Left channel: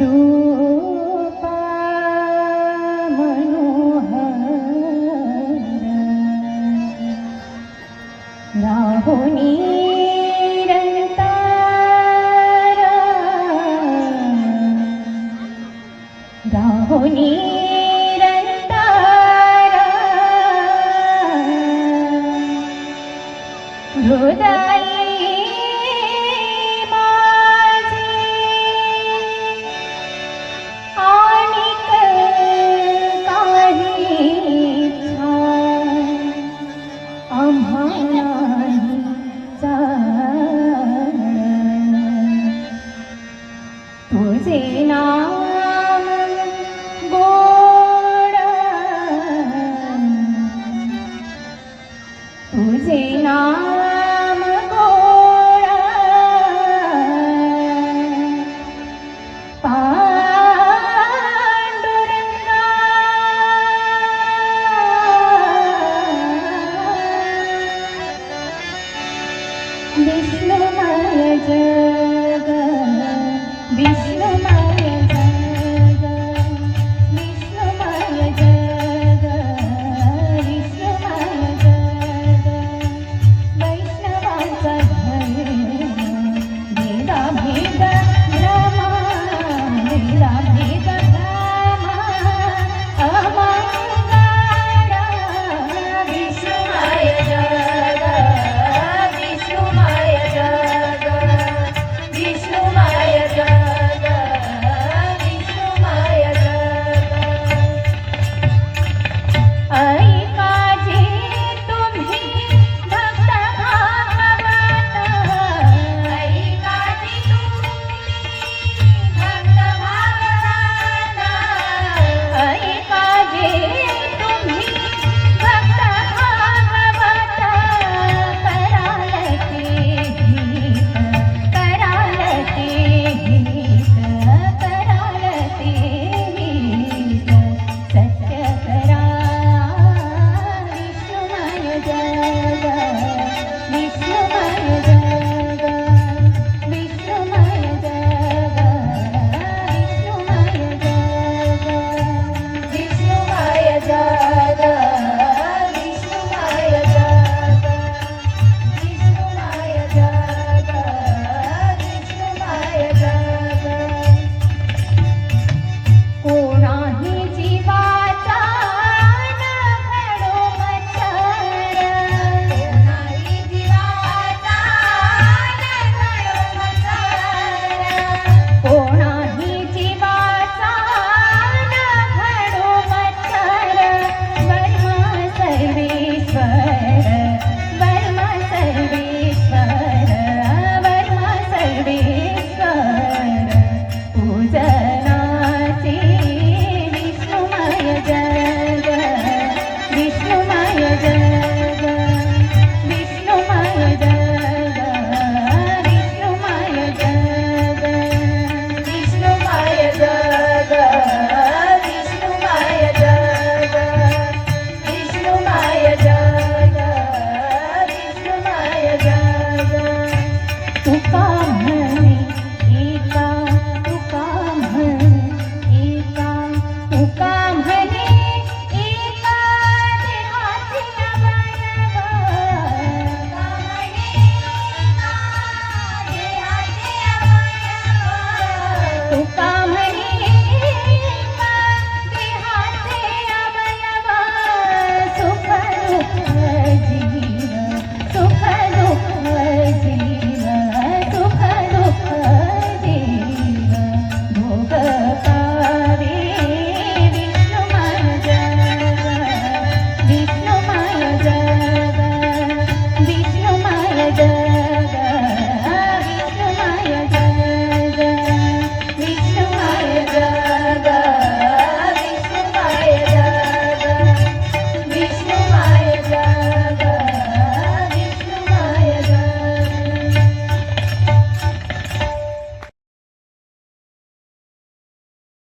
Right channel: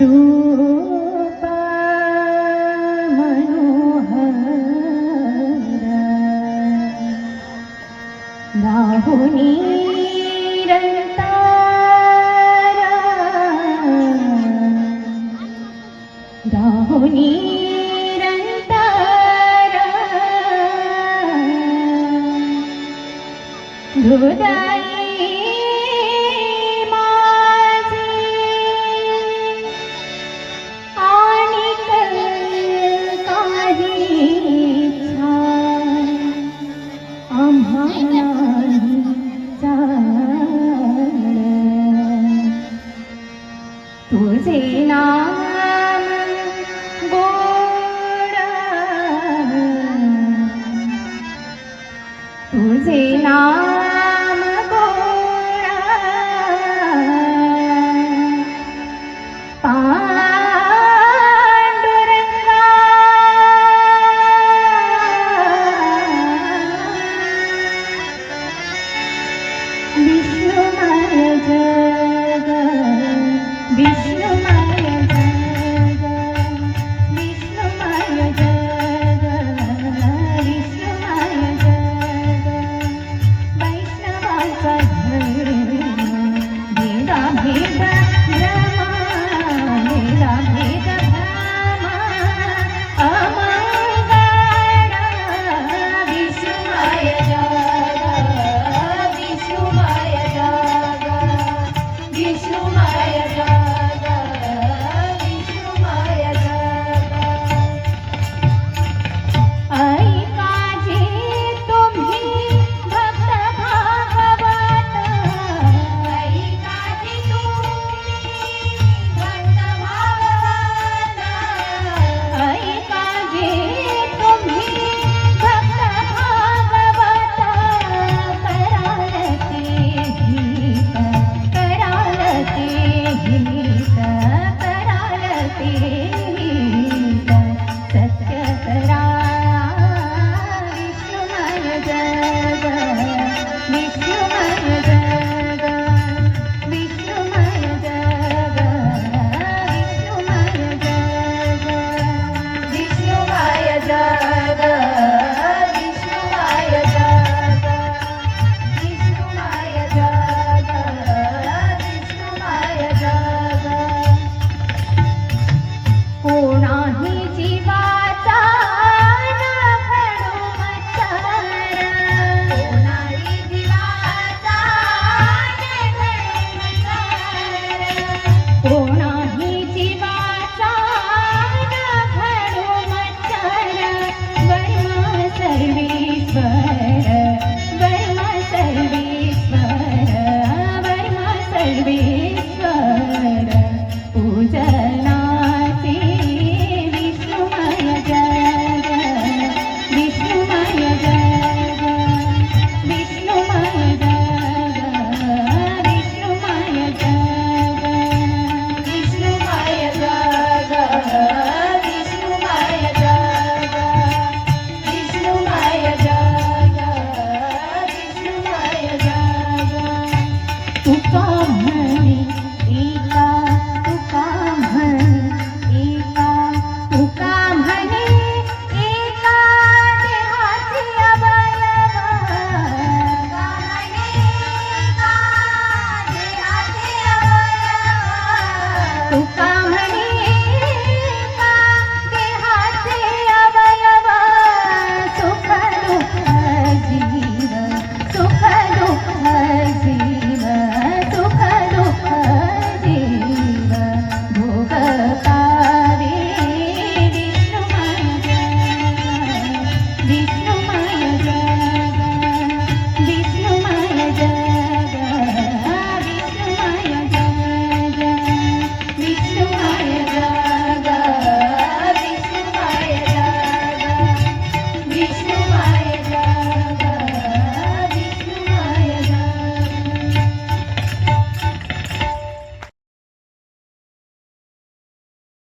रूप मनोहर राहुनी राहुनी हृदयी माझे आणिक काही इच्छा आम्हालाही जाण तुझे नाम गोड तुझे नाम विष्णुमय जग विष्णुमय जग विष्णुमय जग विष्णुमय जग वैष्णवाचा घर भेदा भेद भ्रमा भेदा भेद भ्रमा अमाय विष्णुमय जग विष्णुमय जग विष्णुमय जग विष्णुमय जग ऐकाजी तुम्ही भक्त भागवत ऐकाजी तुम्ही भक्त भागवत ऐकाजी तुम्ही भक्त भागवत कराल ते हित कराल ते हित कराल ते हित सत्य करा विष्णुमय जग विष्णुमय जग विष्णुमय जग विष्णुमय जग विष्णुमय जग विष्णुमय जग विष्णुमय जग विष्णुमय जग कोणाही जीवाचा न घडो मत्सर कोणाही जीवाचा न घडो मत्सर कोणा